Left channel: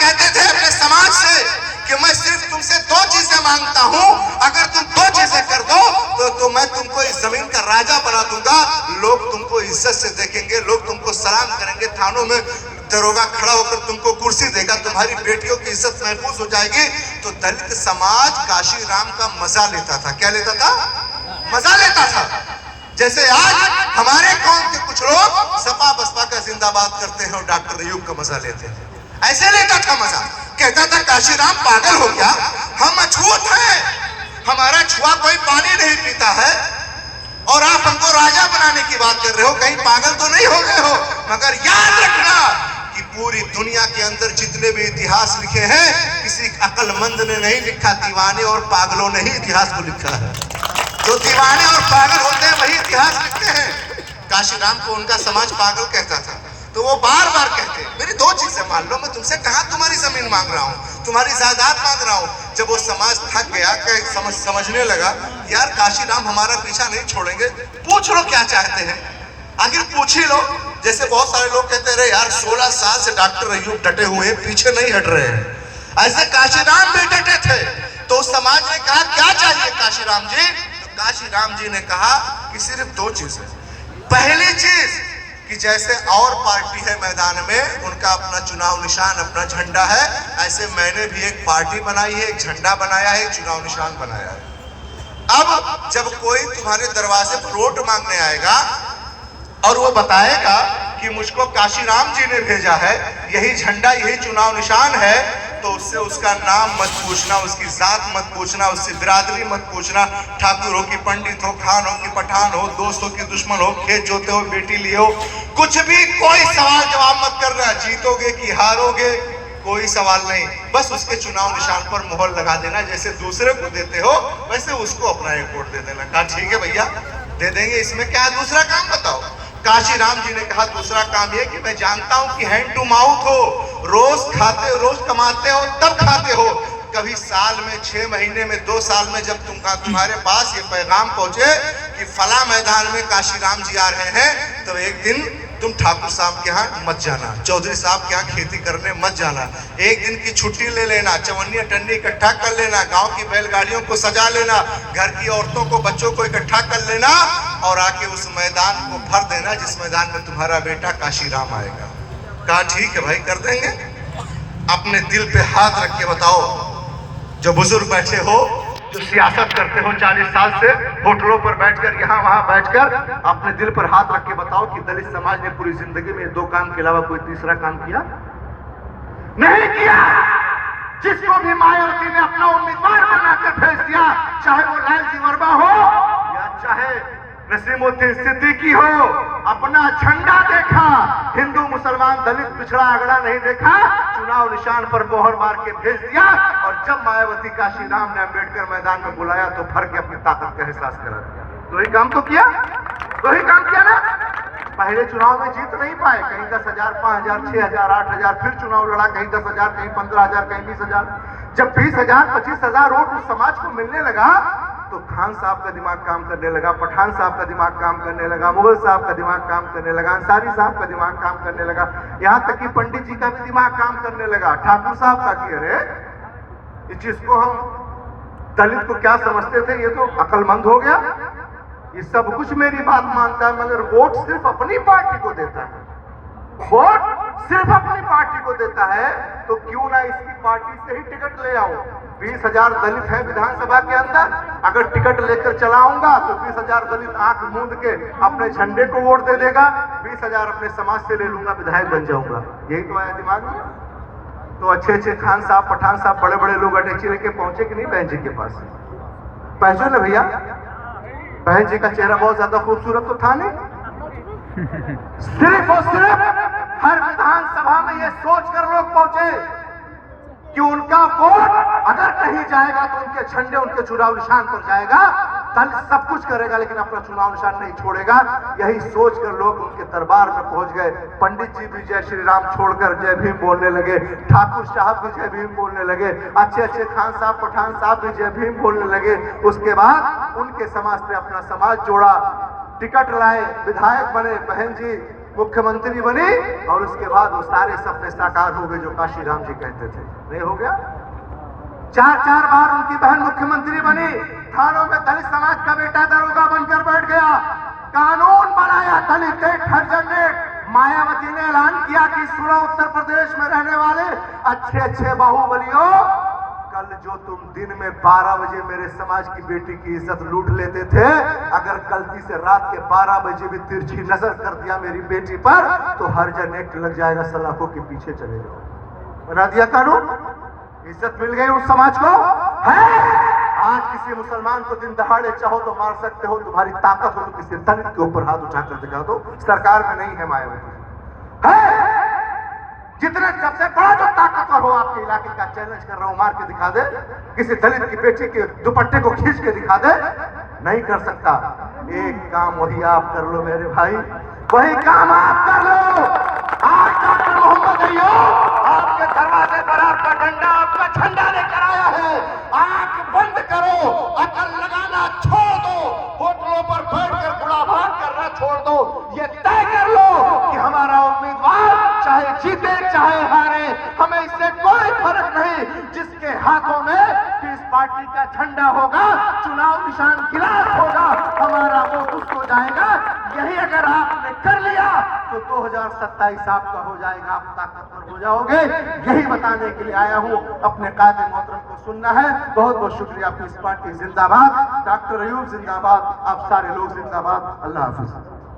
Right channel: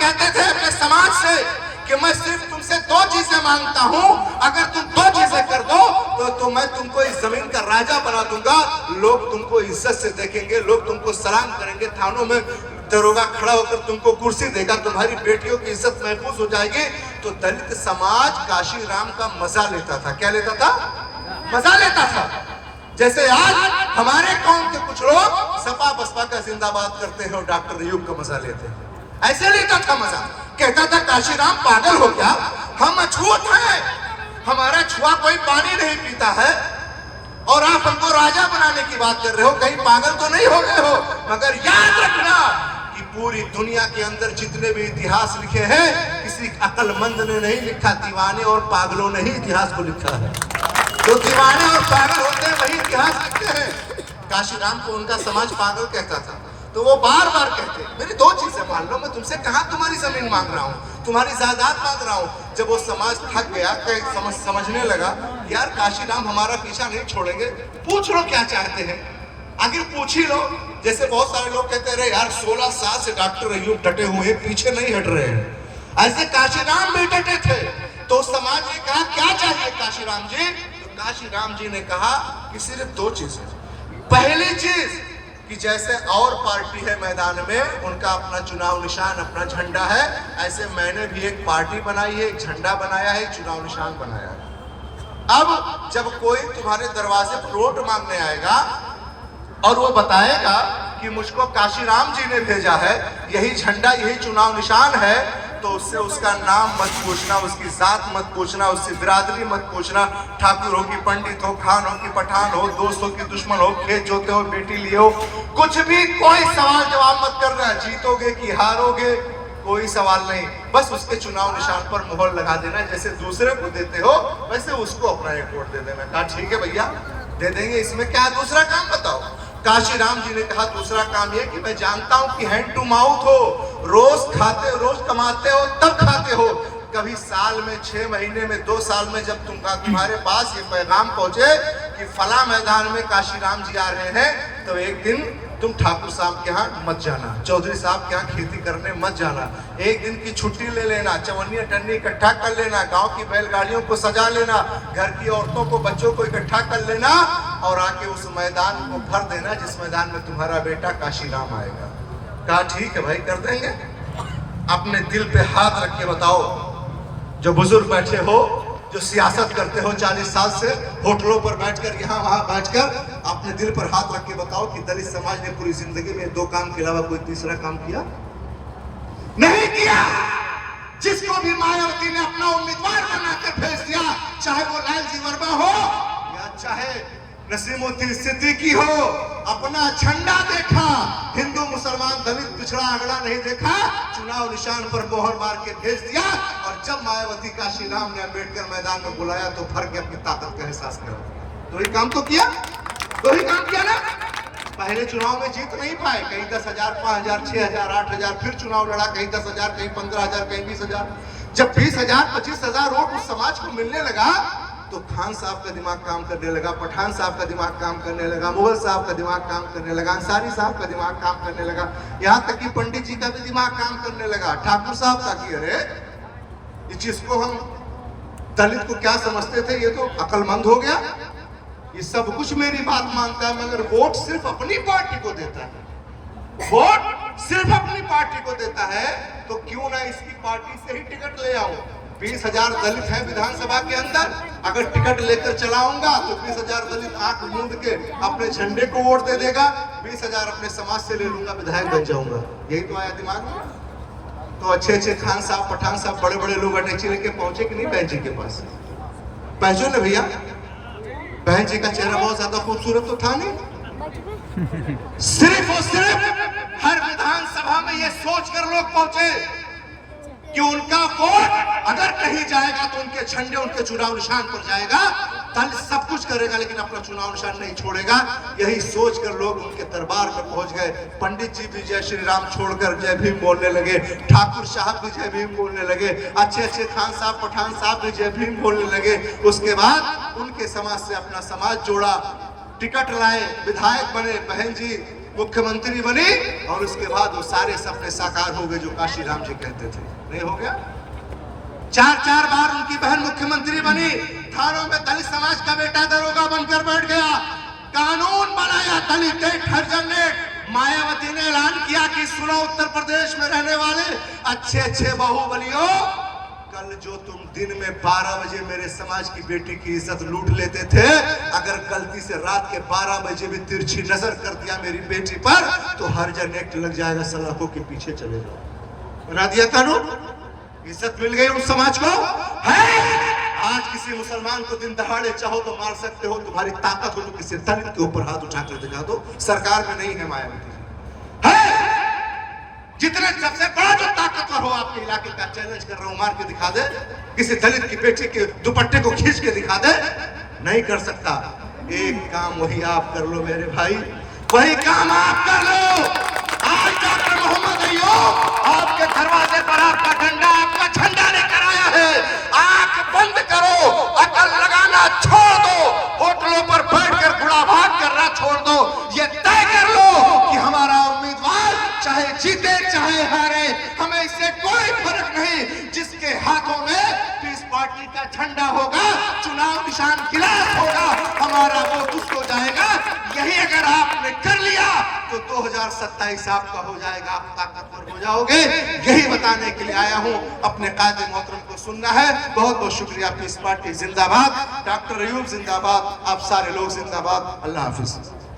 कहते थे अपने समाज से कि मैं सिर्फ तुमसे दो चीजें मांगता हूं, अगर तुम दो चीजें कर दो तो मैं तुमको इस जमीन का राजा बना दूंगा, लोग तुमको इज्जत से देखेंगे, लोग तुमको सलाम करेंगे, थानों में दरोगा खड़ा होकर तुमको कुर्सी देगा, तुम्हारी बेटियों की इज्जत महफूज हो जाएगी। तो दलित समाज काशीराम का मजा लेता था। क्या लेता था? मजा लेता था। जैसे आज हमारे कौम के कुछ लोग सपा बसपा का जिंदाबाद करते हैं और डॉक्टर अयूब का मजा लेते हैं, ऐसे लेता था मजा। कहता था काशीराम पागल हो क्या, हम अछूत हैं, हमारा छुआ कोई पानी नहीं पीता है और आप हमको राजा बनाने की बात कर रहे हो, कहीं पागल तो नहीं हो गए हो। मगर याद रखना कि पूरी दुनिया के अंदर जितने भी इतिहास लिखे हैं, किसी अक्लमंद ने नहीं लिखा, दीवाने और पागलों ने ही इतिहास को लिखा है। जो दीवाने और पागल होते हैं वही इतिहास लिखते हैं। काशीराम को उनका समाज पागल कहता था, तो वो बार बार कहते मेरी दो चीजें मान लो, मैं तुमसे कहां तुम्हारी जमीन मांग रहा हूं, तुम्हारी जायदाद मांग रहा हूं। जब वो समाज थक गया, समझने लगा यार काशीराम हमारा पीछा नहीं छोड़ेंगे, पूछ लो क्या चाहते हैं, आखिर पूछ ही लो। जैसे बहुत सारे लोग कहते रहे यार 16 साल से डॉक्टर अयूब डटे हुए हैं, पीछे नहीं हट रहे हैं, ऐसे काशीराम भी डटे थे। तो समाज ने कहा क्या चाहिए काशीराम जी, तो काशीराम जी ने कहा कि सिर्फ दो चीजें। पहली चीज कि जैसे और पार्टी है मैदान में, उनका अपना चुनाव निशान, अपना झंडा है, ऐसे मैंने भी एक पार्टी बनाई है, एक झंडा बनाया है, एक चुनाव निशान बनाया है। अब जब कोई तुम्हारे दरवाजे पर वोट मांगने आएगा और वो बताएगा कि मुझको काशीराम जी ने भेजा है, यही झंडा यही चुनाव निशान है, तो उससे उसका नाम मत पूछना, उसकी जात मत पूछना, उससे बिरादरी मत पूछना, ठाकुर हो कि पंडित हो, खान हो कि पठान हो, दोस्त हो कि दुश्मन हो, खेत जोते हो बेटी लिए हो, कुछ भी कोई सवाल जवाब मत करना, जीतोगे कि हारोगे कोई सवाल नहीं, बस उसके चुनाव निशान पर मोहर लगा देना, जैसे दूसरे को देते हो वैसे उसको अपना एक वोट दे देना। कहा ठीक है भैया दे देंगे, इसमें क्या है, दूसरा काम बताओ। काशीराम जी ने कहा दूसरा काम ये कि मैं जानता हूं कि हैंड टू माउथ हो, रोज खाते हो, रोज कमाते हो, तब खाते हो, कभी साल में 6 महीने में 2 साल में जब तुम्हारे पास ये पैगाम पहुंचे कि फला मैदान में काशीराम जी आ रहे हैं, तो एक दिन तुम ठाकुर साहब के यहाँ मत जाना, चौधरी साहब के यहाँ खेती करने मत जाना, एक दिन की छुट्टी ले लेना, चवन्नी टन्नी इकट्ठा कर लेना, गांव की बैलगाड़ियों को सजा लेना, घर की औरतों को बच्चों को इकट्ठा कर लेना और आके उस मैदान को भर देना जिस मैदान में तुम्हारा बेटा काशीराम आएगा। कहा ठीक है भाई कर देंगे। अपने दिल पे हाथ रख के बताओ, जो बुजुर्ग बैठे हो, जो सियासत करते हो 40 साल से, होटलों पर बैठकर यहाँ वहां बैठकर, अपने दिल पर हाथ रख के बताओ कि दलित समाज ने पूरी जिंदगी में 2 काम के अलावा कोई तीसरा काम किया नहीं किया। जिसको भी मायावती ने अपना उम्मीदवार बनाकर भेज दिया, चाहे वो लालजी वर्मा हो या चाहे नसीमुद्दीन सिद्दीकी हो, अपना झंडा देखा, हिंदू मुसलमान दलित पिछड़ा अगड़ा नहीं देखा, चुनाव निशान पर मोहर मार के भेज दिया। और जब मायावती काशीराम ने अम्बेडकर मैदान में बुलाया तो भर के अपनी ताकत का एहसास करा दिया। तो ही काम तो किया, तो ही काम किया ना। पहले चुनाव में जीत नहीं पाए, कहीं 10,000, 5,000, 6,000, 8,000, फिर चुनाव लड़ा, कहीं 10,000, कहीं 15,000, कहीं 20,000। जब 20,000, 25,000 वोट उस समाज को मिलने लगा तो खान साहब का दिमाग काम करने लगा, पठान साहब का दिमाग काम करने लगा, मुगल साहब का दिमाग काम करने लगा, अंसारी साहब का दिमाग काम करने लगा, यहाँ तक कि पंडित जी का भी दिमाग काम करने लगा, ठाकुर साहब का कि अरे जिसको हम दलित को क्या समझते थे, ये तो अक्लमंद हो गया, ये सब कुछ मेरी बात मानता है, मगर वोट सिर्फ अपनी पार्टी को देता है, वोट सिर्फ अपनी पार्टी को देता है, तो क्यों ना इसकी पार्टी से ही टिकट ले आऊं। 20,000 दलित हैं विधानसभा के अंदर, अगर टिकट लेकर चलाऊंगा तो 20,000 दलित आंख मूंद के अपने झंडे को वोट दे देगा, 20,000 अपने समाज से ले लूंगा, विधायक बन जाऊंगा। यही तो आया दिमाग में। तो अच्छे अच्छे खान साहब, पठान साहब, बड़े बड़े लोग अटैची लेके पहुंचे कि नहीं बहन जी के पास? पहुंचो ना भैया, बहन जी का चेहरा बहुत ज्यादा खूबसूरत तो था नहीं। सिर्फ और सिर्फ हर विधानसभा में ये सोच कर लोग पहुंचे कि उनका वोट अगर कहीं जाएगा तो उनके झंडे उनके चुनाव निशान पर जाएगा, दल सब कुछ करेगा लेकिन अपना चुनाव निशान नहीं छोड़ेगा। यही सोचकर लोग उनके दरबार में पहुंच गए। पंडित जी भी जय श्री राम छोड़कर जय भीम बोलने लगे, ठाकुर साहब भी जय भीम बोलने लगे, अच्छे अच्छे खान साहब, पठान साहब भी जय भीम बोलने लगे। उसके बाद उनके समाज से अपना समाज जोड़ा, टिकट लाए, विधायक बने। बहन जी मुख्यमंत्री बनी और उसके बाद वो सारे सपने साकार हो गए जो काशी राम जी कहते थे। नहीं हो गया? 4 बार उनकी बहन मुख्यमंत्री बनी, थानों में दलित समाज का बेटा दरोगा बनकर बैठ गया, कानून बनाया दलित हरिजन ने। मायावती ने ऐलान किया कि सुनो उत्तर प्रदेश में रहने वाले अच्छे बाहुबलियों, कल जो तुम दिन में 12 बजे मेरे समाज की बेटी की इज्जत लूट लेते थे, अगर गलती से रात के 12 बजे भी तिरछी नजर कर दिया मेरी बेटी पर तो हरिजन एक्ट लग जाएगा, सलाखों के पीछे चले जाओ। बना दिया कानून, इज्जत मिल गई उस समाज को। है आज किसी मुसलमान को दिन दहाड़े चाहो तो मार सकते हो, तुम्हारी ताकत हो तो किसी दलित के ऊपर हाथ उठाकर दिखा दो। सरकार में नहीं है मायावती जी। है जितने सबसे बड़ा जो ताकतवर हो आपके इलाके का, चैलेंज कर रहा हूं, मार के दिखा दे, किसी दलित की बेटी के दुपट्टे को खींच के दिखा दे, नहीं कर सकता। एक काम वही आप कर लो मेरे भाई, वही काम आप कर लो। आज डॉक्टर मोहम्मद अय्यूब आपके दरवाजे पर आपका डंडा, आपका झंडा लेकर आया है। आंख बंद करो, अकल लगाना छोड़ दो, होटलों पर बैठकर गुड़ाभाग करना छोड़ दो। ये तय कर लो कि हमारा उम्मीदवार चाहे जीते चाहे हारे, हमें इससे कोई फर्क नहीं। जिसके हाथों में पीस पार्टी का झंडा होगा, चुनाव निशान गिलास होगा, हमारा वोट उसको जाएगा। यही अगर आपने कर लिया तो 2027 आपका हो जाएगा, आप ताकतवर हो जाओगे। यही बताने के लिए आया हूं, अपने कायदे मोहतरम को सुनना है। बहुत बहुत शुक्रिया। पीस पार्टी जिंदाबाद, डॉक्टर अय्यूब जिंदाबाद, आप सारे लोग जिंदाबाद। अल्लाह हाफिज।